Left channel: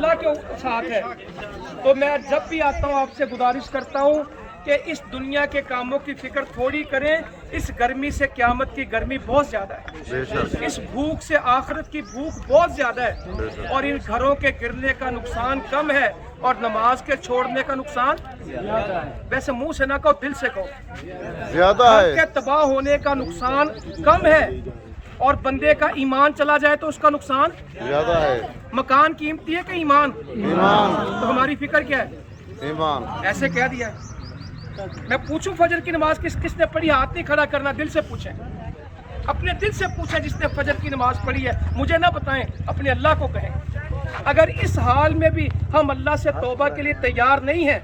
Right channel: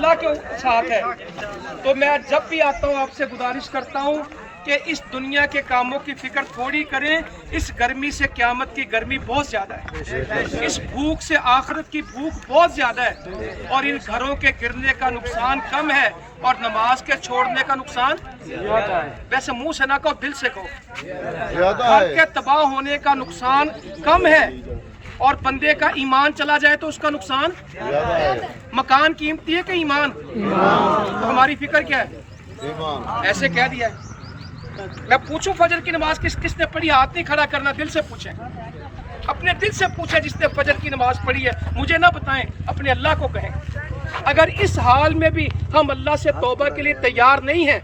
अल्लाह के साथ है। तो मैं जब भी आता हूँ आपसे गुजारिश करता हूँ कि इस दुनिया के कामों की फिक्र थोड़ी करें। इस गर्मी से क़यामत की गर्मी बहुत ज़्यादा है, इस भूख से आखिरत की भूख बहुत ज़्यादा है, और इन घरों के गिरने का नुकसान कम है और नमाज के छोड़ने का नुकसान ज़्यादा है। वैसे मुंह से ना कहो, दिल से कहो, ज़्यादा है। घर के तबाह होने का नुकसान कम है, और बंदे का ईमान चला जाए तो उसका नुकसान ज़्यादा है। मकान कीमती है कि ईमान? तो हमारी फिक्र क्या है? ईमान। ऐसे कह दिया है। मैं पूछूं फजर की नमाज किसने पढ़ी? हाथ नहीं खड़ा करना, दिल से पूछें, अपने दिल से पूछें जिसने फजर की नमाज पढ़ी है। मुझे ना बताएं, अपने अल्लाह को कहें। अगर इस हाल में भी हम अल्लाह से तौबा के लिए तैयार नहीं हैं,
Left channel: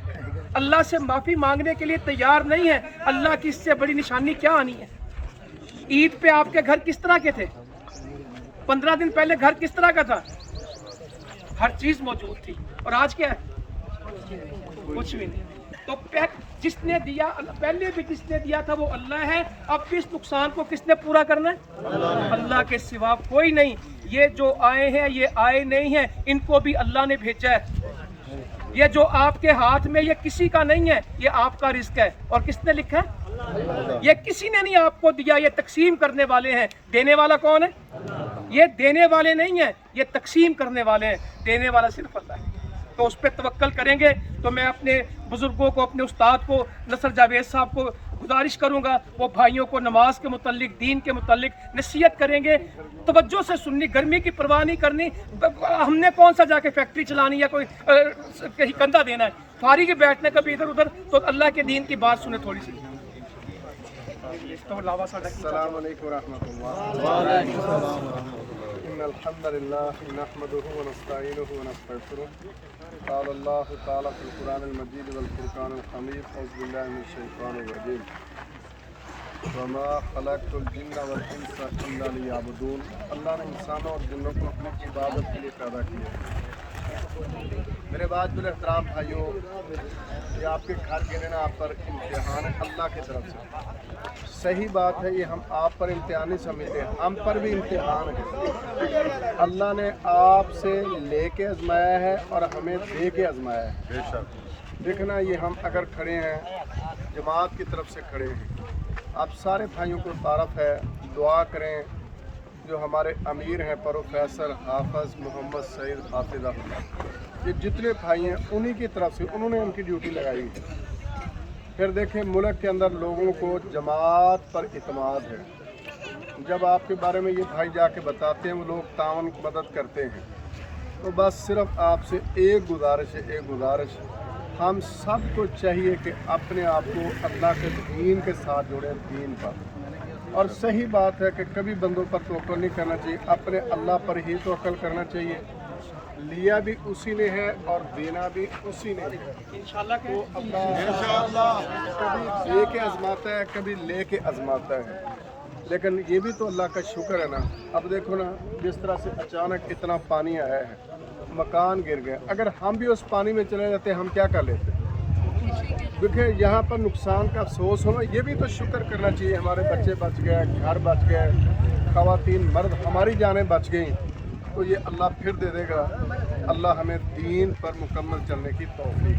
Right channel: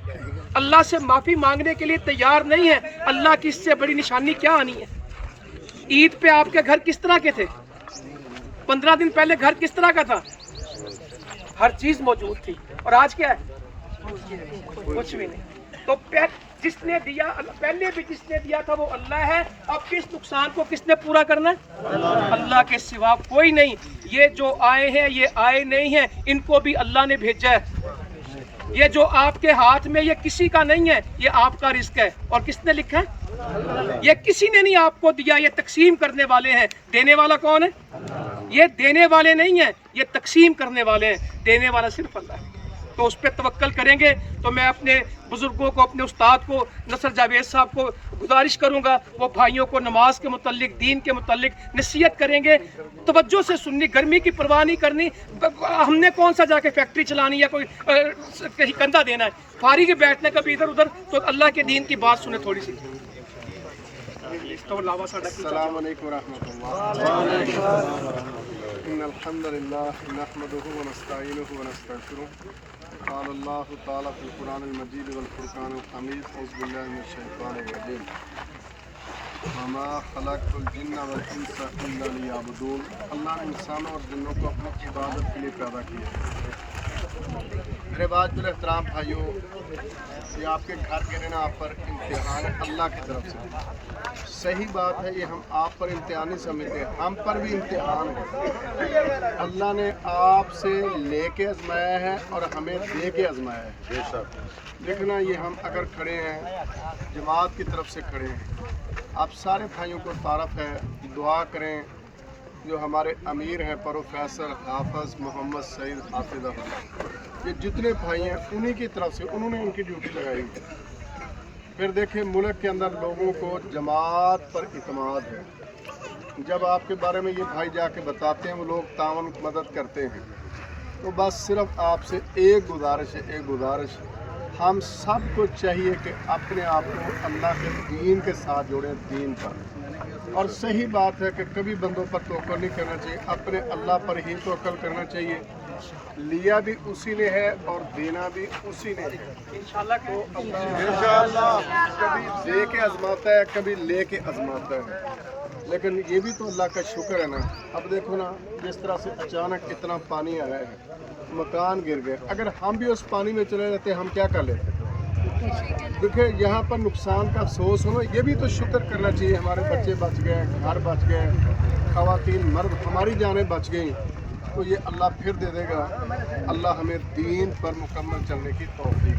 अल्लाह से माफ़ी मांगने के लिए तैयार नहीं हैं, अल्लाह की इससे बड़ी निशानी क्या आनी है? ईद पे आपके घर किस तरह के थे? 15 दिन पहले घर किस तरह का था? हर चीज मौजूद थी, और आज क्या है? कुछ भी नहीं। तो जिसने दिया, पहले भी जिसने दिया था वो अल्लाह है। अब इस नुकसान को किसने पूरा करना है? अल्लाह के सिवा कोई नहीं। ये जो आए हैं ये आए नहीं हैं, इनको भी अल्लाह ने भेजा है। ये जो आपके हाथ में, ये किसी का नहीं है, ये आपका रिस्क है। और किसने लिखा है? ये किसी ने नहीं आपको दिया, ये तकसीम करने वाले हैं। देने वाला कौन है? ये देने वाले नहीं है, ये तकसीम करने वाले हैं। देने वाला सिर्फ अल्लाह है। तो उस पर तवक्कल करेंगे। तो मैं अपने बुजुर्गों को, अपने उस्ताद को, नसर जावेद साहब को गुजारिश करूंगा, वो भाइयों को नमाज के मुतल्लिक, दीन के मुतल्लिक नसीहत करेंगे। तवज्जो से सुननी, गर्मी की परवाह नहीं करनी। हमने कौन सा जाके फैक्ट्री चलानी या कोई कहीं कंधा देना है? फारिग बैठना कभी इधर उधर। तो अल्लाह के दीन की बात सुने थोड़ी सी। तो अस्सलाम वालेकुम रहमतुल्लाह। इन्नल हम्दुलिल्लाह नहमदुहु व नस्तईनुहु व नस्तगफिरुह। क़ाल अल्लाहु तआला फ़िल क़ुरआनिल मजीद वल फ़ुरक़ानिल हमीद। औज़ु बिल्लाहि मिनश शैतानिर रजीम। व मा ख़लक़तुल जिन्ना वल इंसा इल्ला लियअबुदून। अल्लाह ने इंसानों और जिन्नों को अपनी इबादत के लिए पैदा किया। मेरे वाजिबुल एहतराम भाइयों, ये आपके घर गिरना आप पर इम्तिहान अल्लाह की तरफ से। सही बात है, ये हम आप पर इम्तिहान नहीं समझते, हम पर भी इम्तिहान है। अल्लाह ने आपसे लेके आजमाया है और हमें दे के आजमाया है। देखना, ये हम अगर खड़े हैं, जमात की तरफ से खड़े हैं, आप सारे भाइयों को तारफ़ है, दुआ करें। जो हमारे अमीर हैं प्रोफेसर हाफिज़ मोहम्मद सईद हाफिज़ अहमद, ये जितने भाई हैं उन्हीं की तरफ से उन्होंने उनकी ड्यूटी लगाई। फिर देखें, मुल्क के अंदर लोगों को जमात पर इत्मीनान है। जब आपके बारे में ये भाई जाके बताते हैं, वो लोग तावन मदद करते हैं। तो बस सिर्फ आपसे एक गुजारिश है, एक गुजारिश, हम सब को चाहिए कि अपने आप को अल्लाह के दीन के साथ जोड़ें, दीन पर। और सही बात है कि कभी बंदों पर तवक्कुल नहीं करना चाहिए, अपने अल्लाह पर ही तवक्कुल करना चाहिए। लिया भी उसी ने है और देना भी उसी ने है। इंशाअल्लाह तो इंशाअल्लाह कभी दे के आजमाता है, कभी ले के आजमाता है। लेकिन ये भी तो अल्लाह का शुक्र है ना। अब देखो ना, जिस तरह से अचानक इतना पानी आया है, मकान गिर गए। अगर हम भी उस पानी में चले जाते हम क्या कर लेते? देखिए, यहाँ पर नुकसान का अफसोस होना, ये भी तो शुक्र करना चाहिए। हमारे बच्चे बच गए, घर बच गए, ख़वातीन मर्द, हमारी जानें बच गई। तो ये अल्लाह फिर दे देगा। अल्लाह हमें दीन पर मुकम्मल चलने की तौफीक